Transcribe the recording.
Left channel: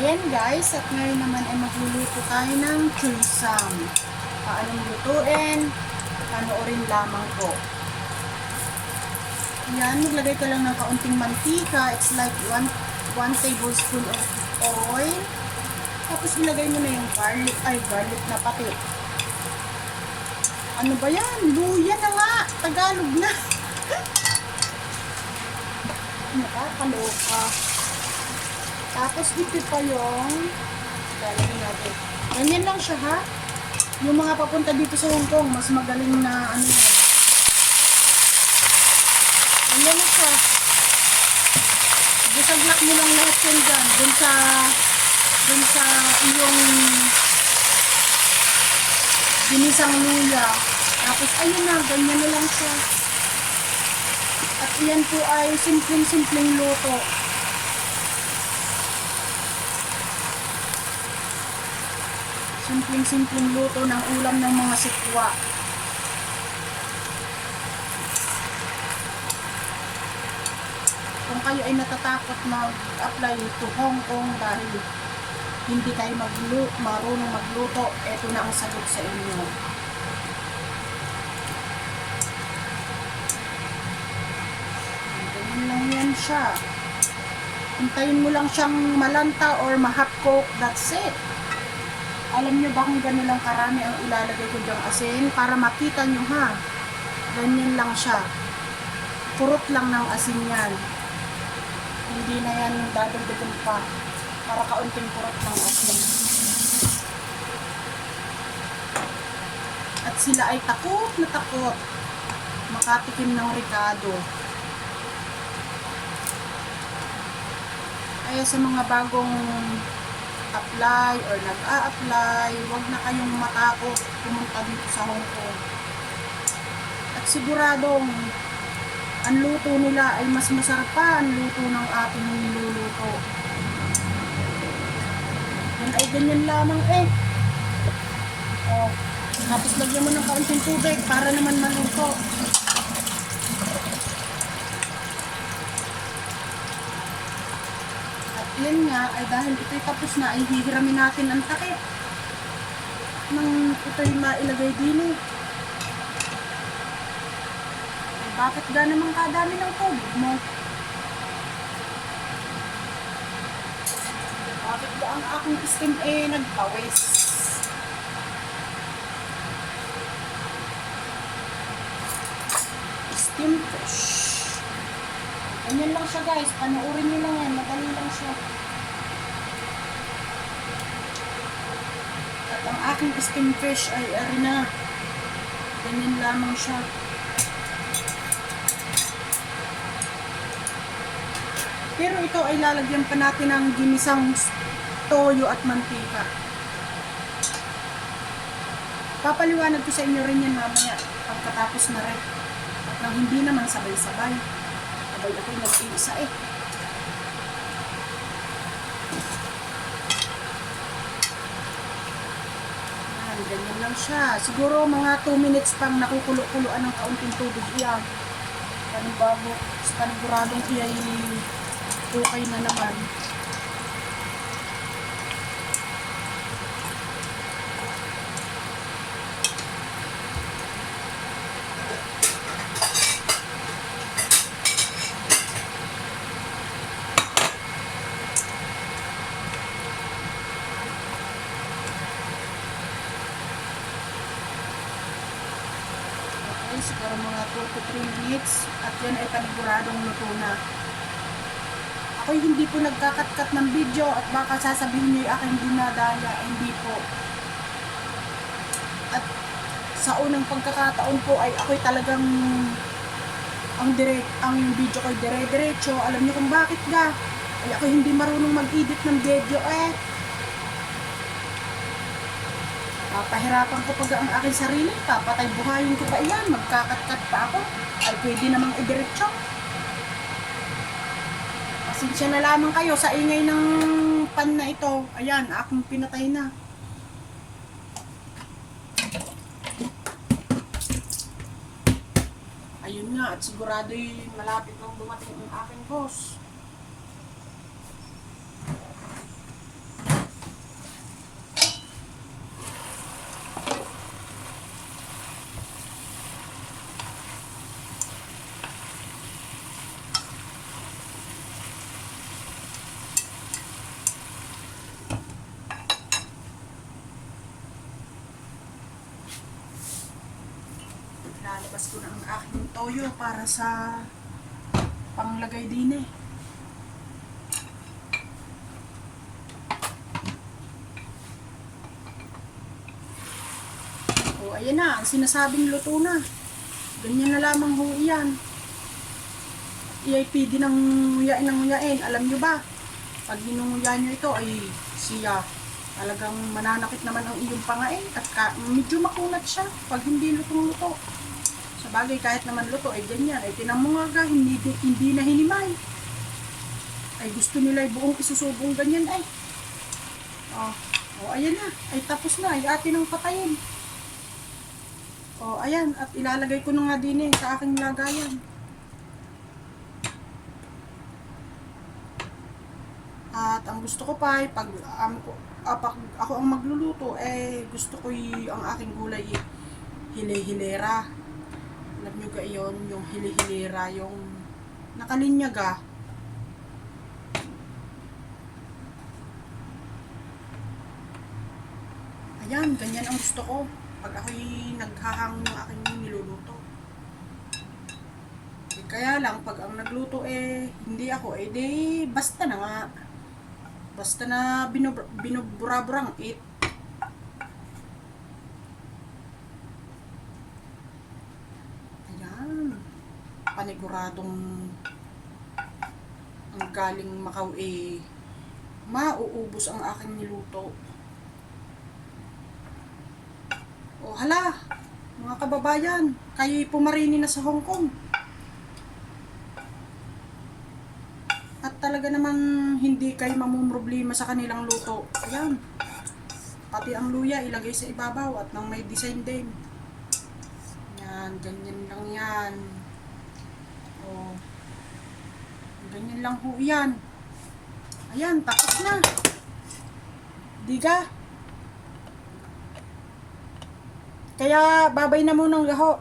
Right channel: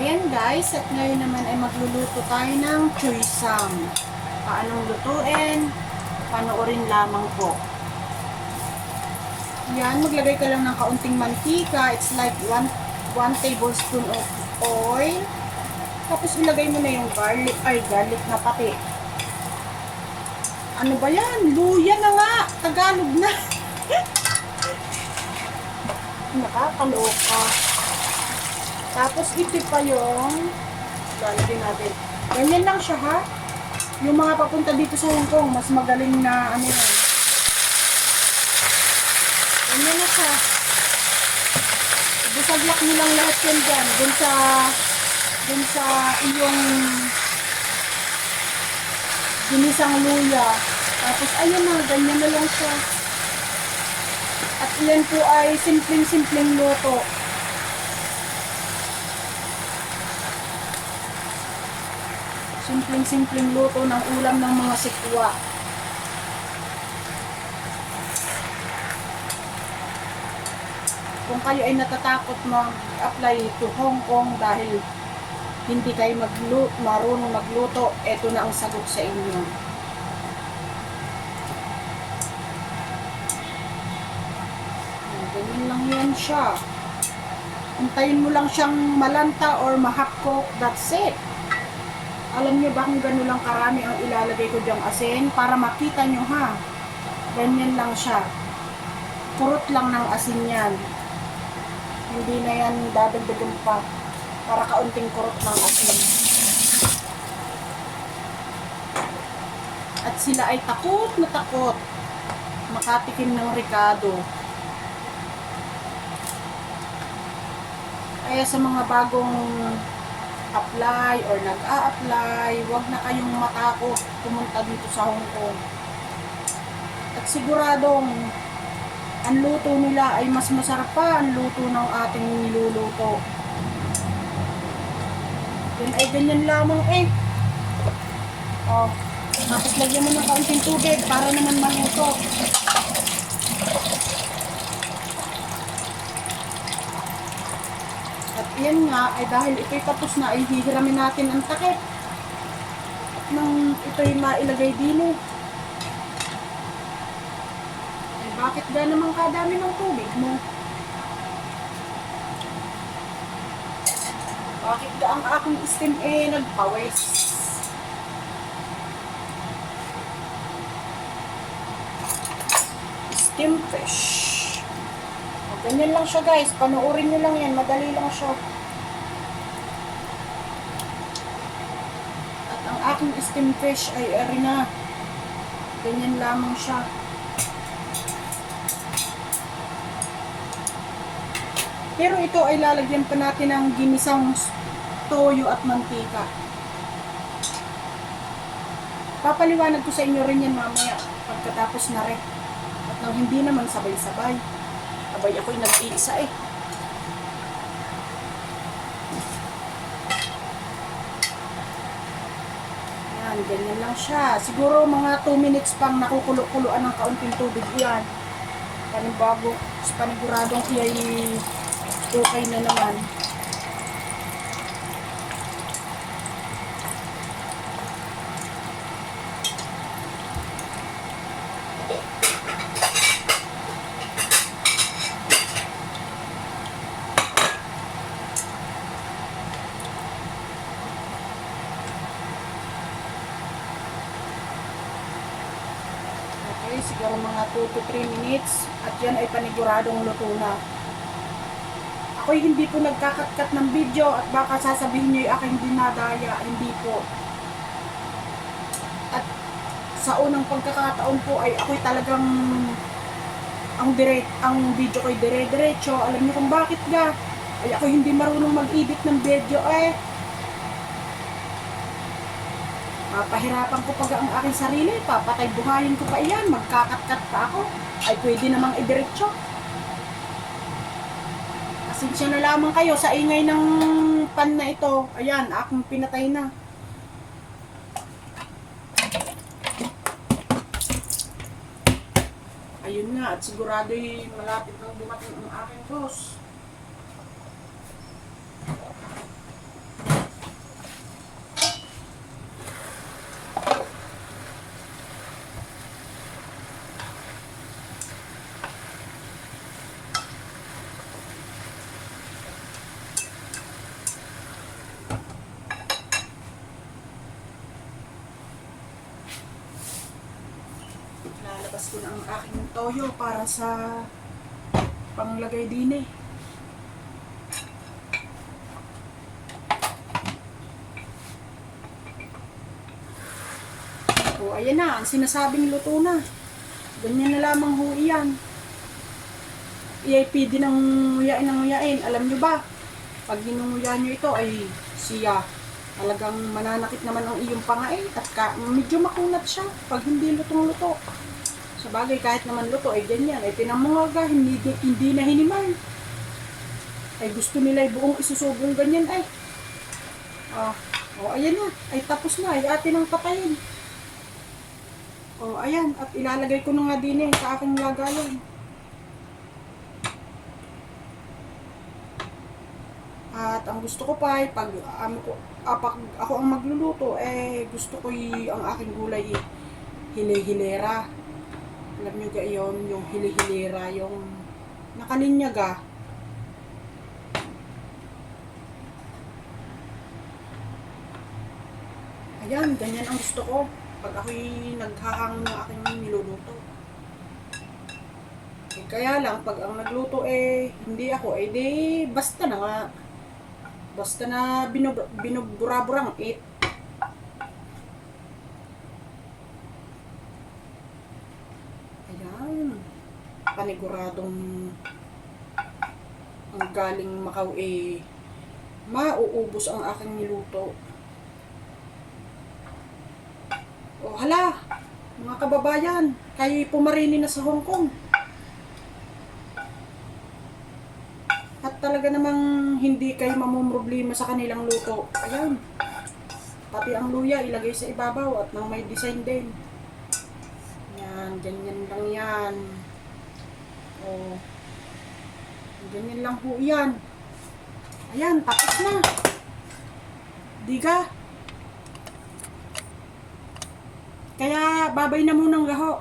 Ayan guys, at ngayon naman ay magluluto tayo ng choy sam. Paanong lutuin? Panoorin lamang po. Ayan, maglagay ka lang ng kaunting mantika. It's like 1 tablespoon of oil. Tapos ilagay mo na yung garlic na pati. Ano ba yan? Luya na nga! Tagalog na! Nakakaloka. Tapos ipit pa yung lalagay natin. Ganyan lang siya ha. Yung mga papunta dito sa Hong Kong, mas magaling na ano yan. Ganyan na siya. Bisaglak mo lang lahat yan dyan. Dun sa iyong ginisang luya. Tapos ayun na, ganyan na lang siya. At yan po ay simpleng luto. Simpleng luto ng ulam ng mga sitwa. Kung kayo ay natatakot mag-apply to Hong Kong dahil hindi kayo marunong magluto, eto na ang sagot sa inyo. Ganyan lang yan siya. Antayin mo lang siyang malanta or ma-half cook, that's it. Alam nyo ba kung ganilang karami ang ilalagay ko dyang asin? Para makita nyo ha. Ganyan lang siya. Kurot lang ng asin yan. Hindi na yan dadagdagan pa. Para kaunting kurot ng asin. At sila ay takot na takot makatikim ng ricado. Kaya sa mga bagong apply or nag-a-apply, huwag na kayong matakot pumunta dito sa Hong Kong. At siguradong ang luto nila ay mas masarap pa ang luto ng ating niluluto. Yan ay ganyan lamang eh. Oh. Tapos lagyan mo ng kaunting tubig para naman maluto. Yan nga, ay dahil ito'y tapos na, ay hihiramin natin ang takip. Nang ito'y nailagay dino. Ay bakit ga naman kadami ng tubig mo? Bakit ga ang aking steam nagpawis? Steam fish. O, ganyan lang siya guys, panoorin nyo lang yan, madali lang siya. Ang aking steam fish ay arena. Ganyan lamang siya. Pero ito ay lalagyan pa natin ng ginisang toyo at mantika. Papaliwanag ko sa inyo rin yan mamaya pagkatapos na rin. At nang hindi naman sabay-sabay. Abay ako'y nag-iisa eh. Ganyan lang siya. Siguro mga 2 minutes pang nakukulo-kuloan ng kaunting tubig yan. Bago paniguradong iyay okay na naman. Siguro mga 2 to 3 minutes at yan ay paniguradong luto na. Ako'y hindi po nagkakat-kat ng video at baka sasabihin niyo yung aking dinadaya. Hindi po. At sa unang pagkakataon po ay ako'y talagang ang video ko'y dire-diretso. Alam niyo kung bakit ga? Ay ako'y hindi marunong mag-edit ng video eh. Pahirapan ko pag ang aking sarili, papatay buhayin ko pa iyan, magkakat-kat pa ako, ay pwede namang idiretso. Pasensya na lamang kayo sa ingay ng pan na ito. Ayan, akong pinatay na. Ayun nga, at sigurado'y malapit nang dumating ang aking boss. toyo para sa panglagay din eh. O, ayan na, ang sinasabing luto na. Ganyan na lamang ho iyan. EIP din ng nguyain ng nguyain. Alam nyo ba, pag ginunguya nyo ito ay siya. Talagang mananakit naman ang iyong pangain at medyo makunat siya pag hindi lutong-luto. Sa bagay, kahit naman luto ay ganyan. Ay tinamulaga, hindi na hinimay. Ay gusto nila ay buong isusubong ganyan ay. Ayan na. Ay tapos na. Ay atin ang patayin. Ayan. At ilalagay ko na nga din eh sa aking lagayan. At ang gusto ko pa ay pag ako ang magluluto, gusto ko ang aking gulay hili-hilera. Alam nyo ga yun, yung hili-hilera, yung nakalinyaga. Ayan, ganyan ang gusto ko pag ako'y naghahang ng aking niluluto. Kaya lang, pag ang nagluto hindi ako, di basta na nga. Basta na binubura-burang it. Ayan. Paniguradong ang galing Macau mauubos ang aking niluto. Hala, mga kababayan, kayo'y pumarini na sa Hong Kong. At talaga namang hindi kayo mamumroblema sa kanilang luto. Ayan. Pati ang luya ilagay sa ibabaw at nang may design din. Yan, ganyan lang yan. Ganyan lang po yan. Ayan, tapos na. Diga. Kaya babay na munang gaho.